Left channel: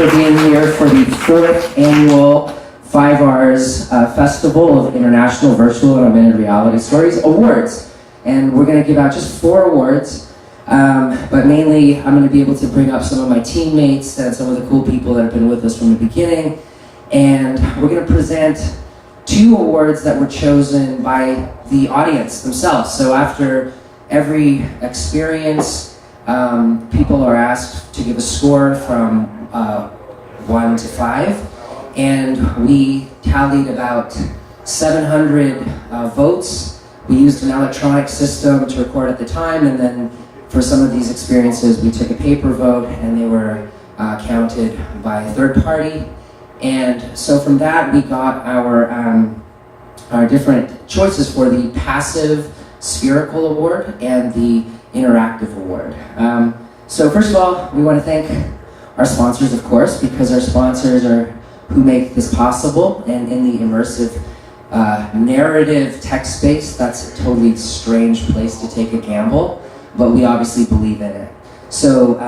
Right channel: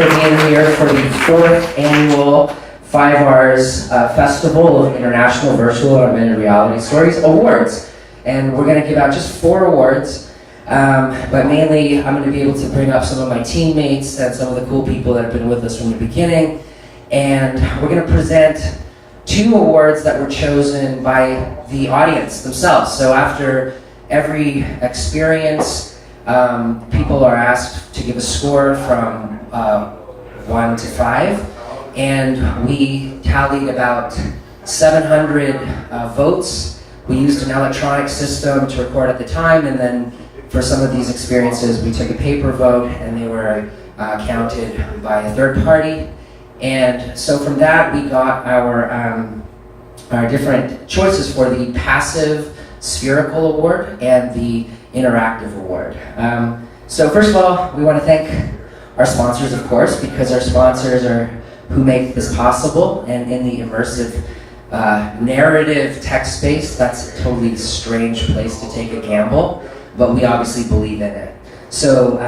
for being here for the 4th annual FIVARS Festival of International Virtual and Augmented Reality Stories Awards. And we're going to give out just 4 awards, but mainly I'm going to be able to bring up some of my teammates and some of the cool people that have been with us from the beginning. And we're going to present 2 awards that were chosen by the audience themselves. So after every experience, people are asked to give a score from 1 to 5, and we tallied about 700 votes. We used an electronic system to record at the time, and then for some of these experiences we took a paper vote, and they were counted by a third party. And so from that we got our different choices for the passive Spherical Award and the interactive award. So first of all, we want to thank our sponsors, of course, because our sponsors are who make this possible. And in the immersive narrative tech space, that's a totally strange place to take a gamble, but we obviously believe in it. So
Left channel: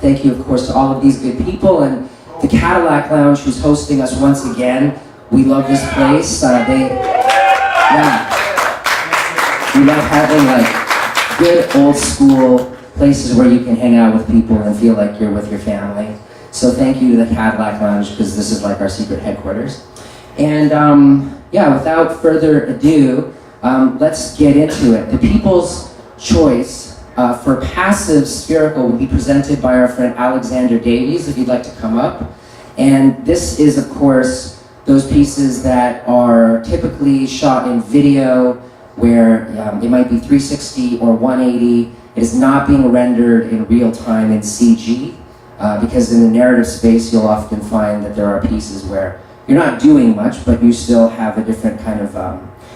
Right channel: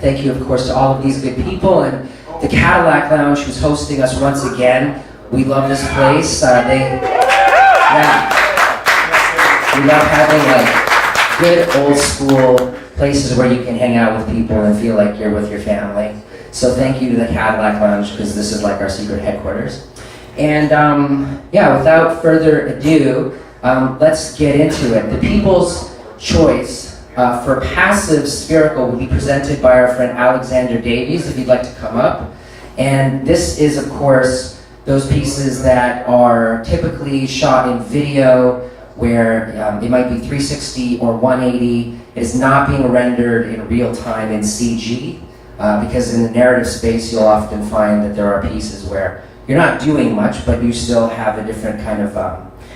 thank you, of course, to all of these good people, and the Cadillac Lounge, who's hosting us once again. We love this place. We love having like good old school places where you can hang out with people and feel like you're with your family. So thank you to the Cadillac Lounge, because this is like our secret headquarters. And yeah, without further ado, let's get into it. The People's Choice for passive Spherical will be presented by our friend Alexander Davies, if you'd like to come up. And this is, of course, those pieces that are typically shot in video, where it might be 360 or 180. It is not being rendered in real time in CG, because in the narrative space you'll often find that there are pieces where you're not doing much, but you still have a different kind of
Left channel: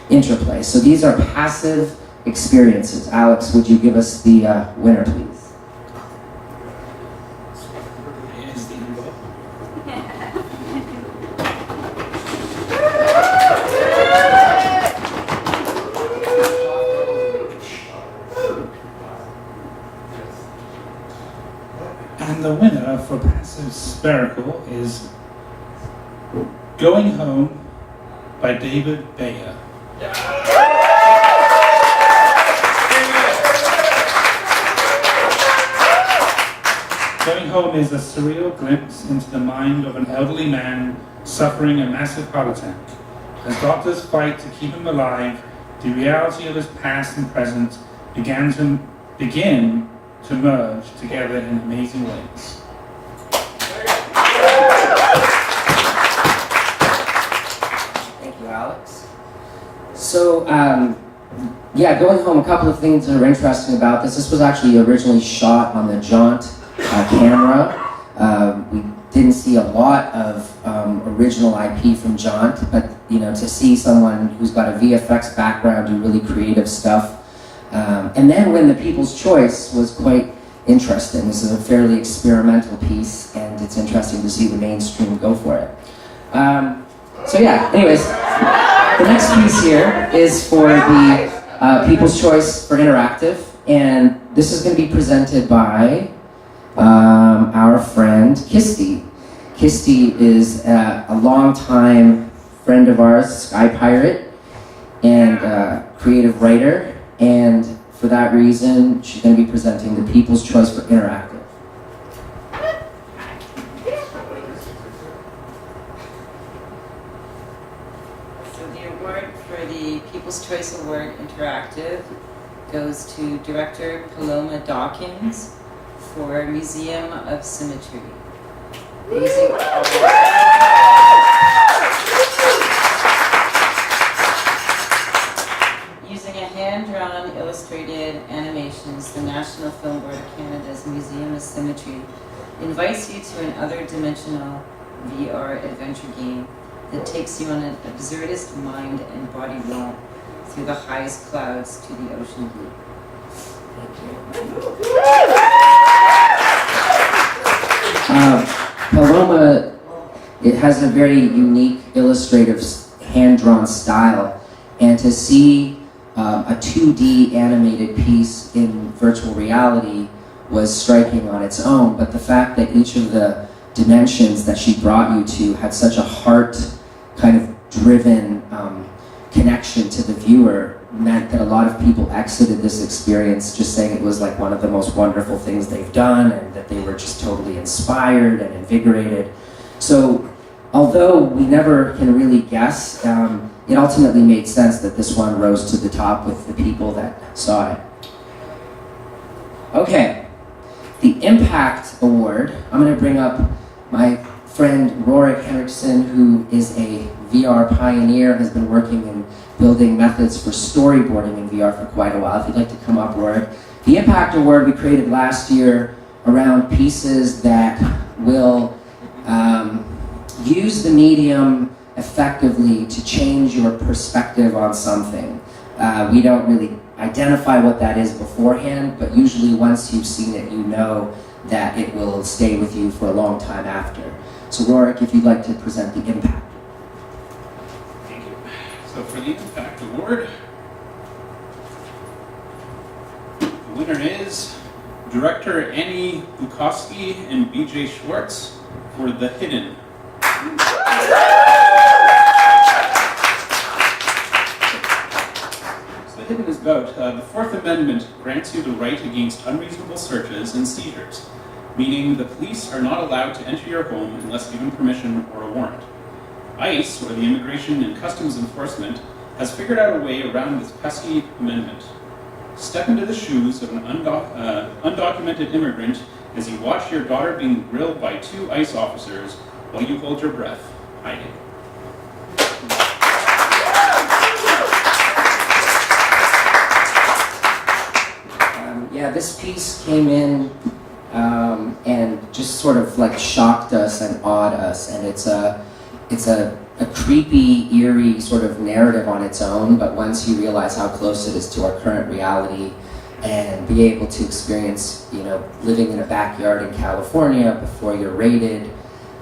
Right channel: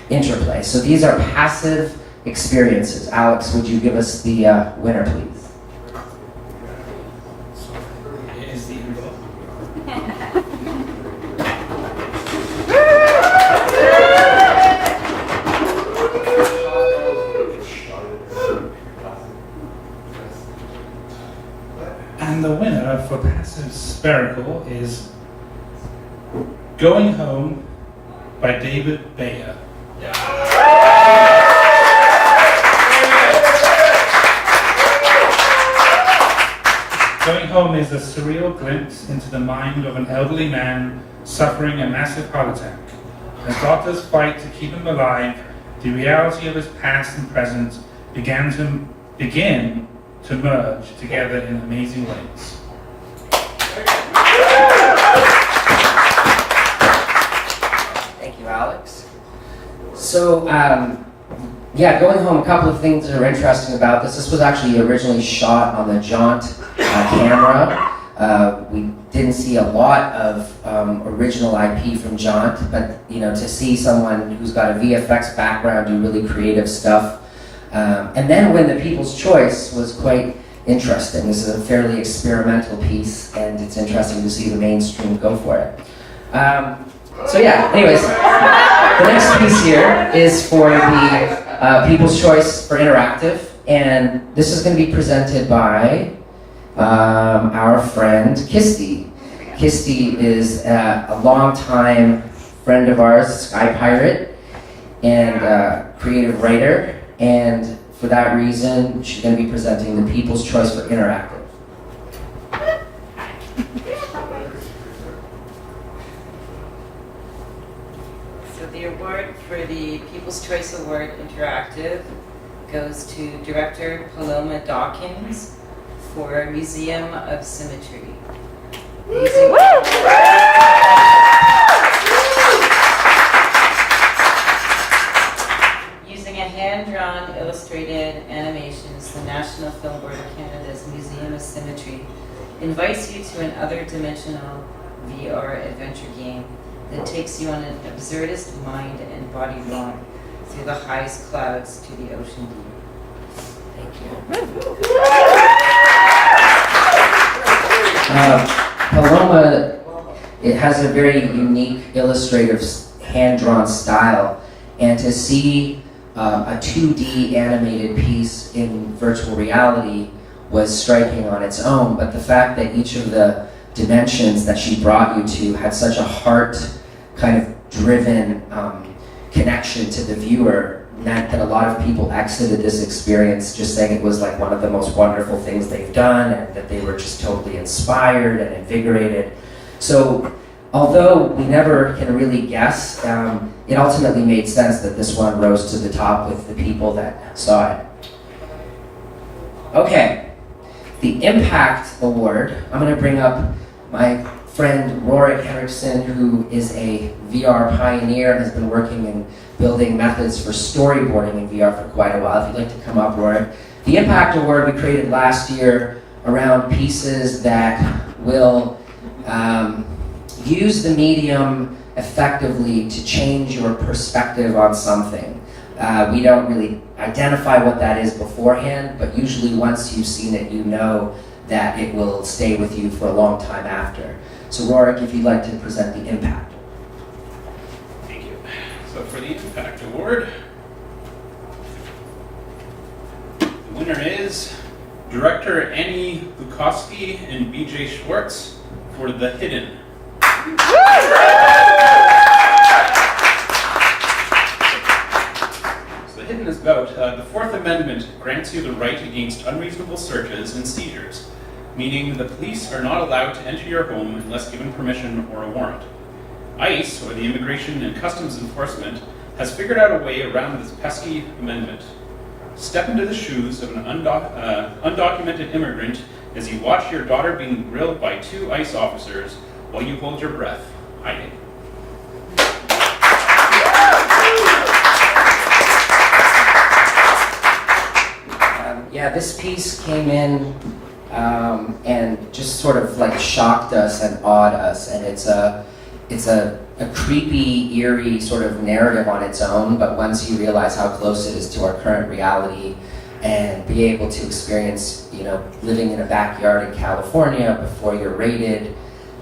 interplay. So these are passive experiences. Alex, would you give us the winner, please? And the winner for passive Spherical is Going Home by David Bayer. Going Home is a surreal glimpse into the mind of an elderly man suffering a massive heart attack. As doctors fight to keep him alive, the reality of his past and present begin to merge together in amazing ways. Thank you, Alex. So, yeah, Going Home, a couple of things that are interesting about this. This was actually originally shot on the Jaunt camera. We didn't see a lot of original IP from Jaunt, but you know, to see someone who's got a VFX background do really creative stuff. And then when the People's Choice was quite interesting. This is a fairly experimental piece, and it's interesting to see the mainstream go for it. So yeah, anyways, the next piece here is for the People's Choice for interactive, and this is going to be presented by our friend Kirsty. Kirsty is a longtime friend of ours, Sky Pirate, and creative writer, and for that reason, she's going to be presenting the People's Choice for interactive. So the award for the People's Choice Award Interactive goes to director Paloma Dawkins for Museum of Symmetry. Using a hand-drawn illustrated animations, the National Film Board of Canada's Museum of Symmetry invites you to an other-dimensional VR adventure game that takes you on an absurdist mind and body romp through the highest clouds to the ocean deep. Thank you. Paloma, it has a very unique illustrative hand-drawn style, and to see a 2D animated piece in virtual reality was striking on its own, but the fact that each of the dimensions that she brought you to had such a heart kind of driven connection to the viewer, meant that a lot of people exited this experience just saying it was like one of the most wonderful things they've done, and that they were just totally inspired and invigorated. So although we never can really guess, it ultimately made sense that this one rose to the top with the people that saw it. Okay, the Impact Award. I'm going to bring up my friend Rorik Henriksen, who is a VR pioneer, has been working in building methods for storyboarding in VR for quite a while. If you'd like to come up, Rorik. The Impact Award we created last year around pieces that will use the medium effectively to change your perspective on something. We don't really identify what that is beforehand, but usually once you've seen it, you know that it will stay with you for a long time after. So Rorik, if you'd like to present the Impact. Thank you. So for the Impact Award, the winner is director Annie Bukowski and BJ Schwartz for The Hidden. So The Hidden is about the Fourth Amendment grants you the right against unreasonable searches and seizures, meaning the police are not allowed to enter your home unless given permission or a warrant. ICE, or the Immigration and Customs Enforcement, has figured out a way around this pesky amendment. Step into the shoes of an undocumented immigrant as you watch your daughter being grilled by 2 ICE officers while you hold your breath, hiding. Yeah, this piece came in and just sort of like shocked us and awed us, and it's a creepy, eerie sort of narrative on its own, but once you realize how close it is to our current reality and be able to experience, living in a backyard in California before you're raided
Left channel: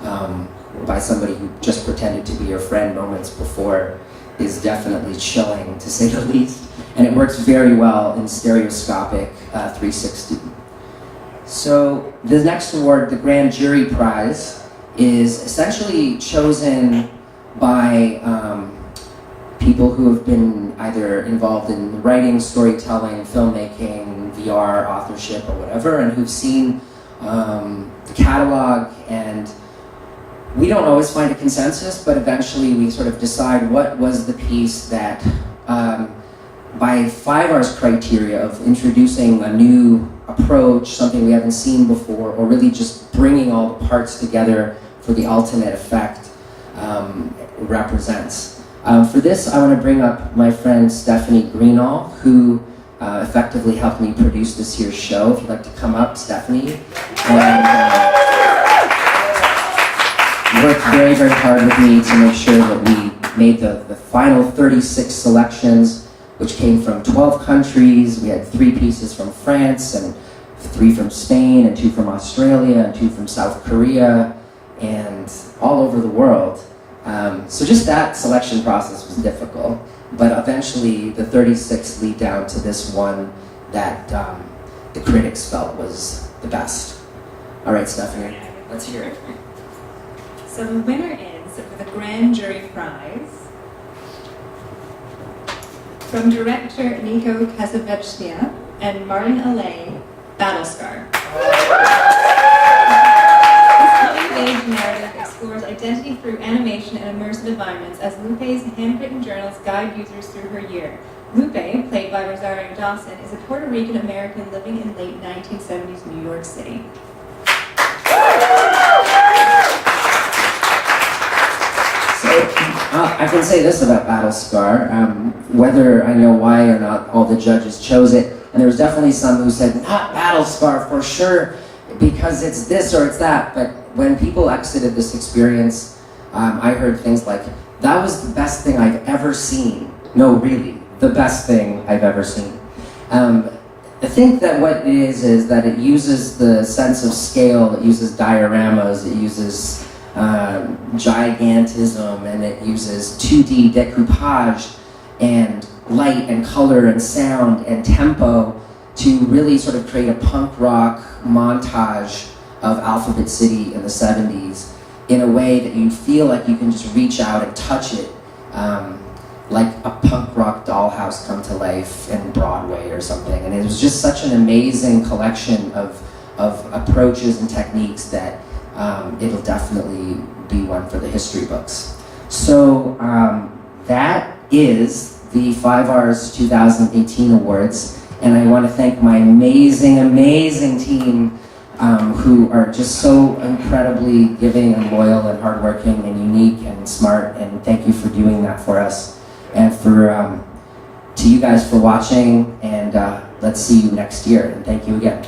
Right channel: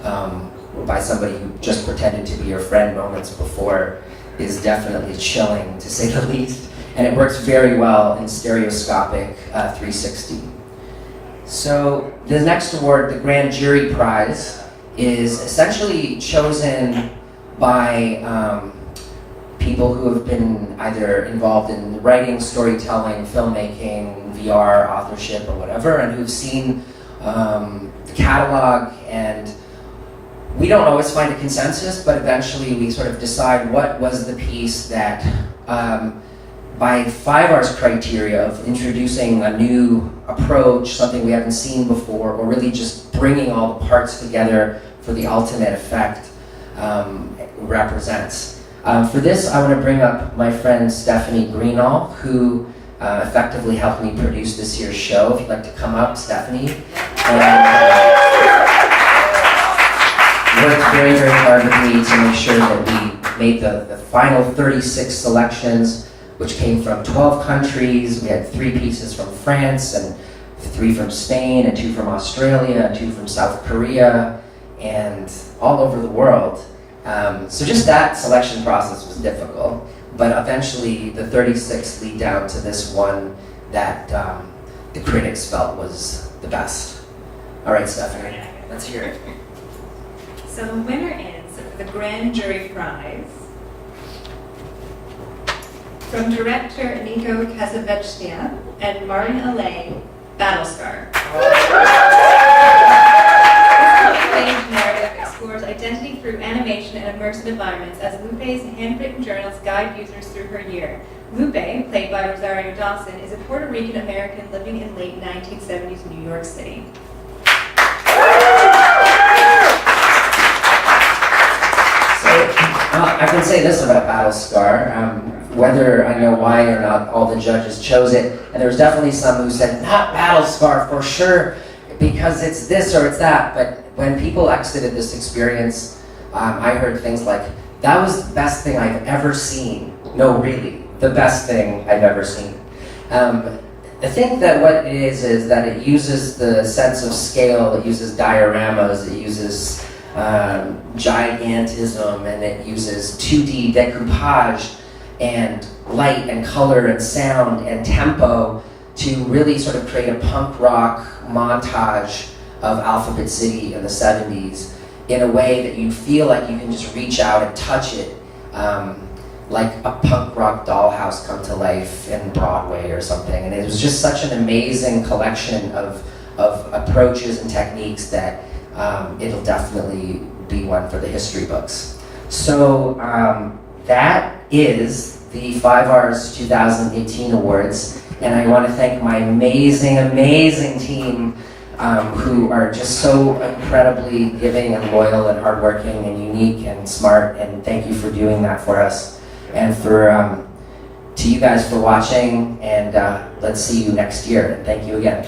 by somebody who just pretended to be your friend moments before is definitely chilling, to say the least. And it works very well in stereoscopic 360. So the next award, the Grand Jury Prize, is essentially chosen by people who have been either involved in writing, storytelling, filmmaking, VR, authorship, or whatever, and who've seen the catalog. And we don't always find a consensus, but eventually we sort of decide what was the piece that, by FIVARS criteria of introducing a new approach, something we haven't seen before, or really just bringing all the parts together for the ultimate effect, represents. For this, I want to bring up my friend Stephanie Greenall, who effectively helped me produce this year's show. If you'd like to come up, Stephanie. And worked very, very hard with me to make sure that we made the final 36 selections, which came from 12 countries. We had 3 pieces from France, and 3 from Spain, and 2 from Australia, and 2 from South Korea, and all over the world. So just that selection process was difficult, but eventually the 36 lead down to this one that the critics felt was the best. All right, Stephanie, let's hear it. So the winner is, for the Grand Jury Prize, from director Nico Casavecchia and Martin Allais, Battlescar. This coming-of-age narrative explores identity through animation and immersive environments as Lupe's handwritten journals guide users through her year. Lupe, played by Rosario Dawson, is a Puerto Rican-American living in late 1970s New York City. I can say this about Battlescar, whether I know why or not all the judges chose it, and there was definitely some who said, not Battlescar for sure, because it's this or it's that, but when people exited this experience, I heard things like, that was the best thing I've ever seen. No, really, the best thing I've ever seen. I think that what it is that it uses the sense of scale, it uses dioramas, it uses gigantism, and it uses 2D decoupage and light and color and sound and tempo to really sort of create a punk rock montage of Alphabet City in the 70s in a way that you feel like you can just reach out and touch it, like a punk rock dollhouse come to life in Broadway or something. And it was just such an amazing collection of approaches and techniques that it'll definitely be one for the history books. So that is the FIVARS 2018 awards, and I want to thank my amazing, amazing team who are just so incredibly giving and loyal and hardworking and unique and smart, and thank you for doing that for us. And for to you guys for watching, and let's see you next year, and thank you again.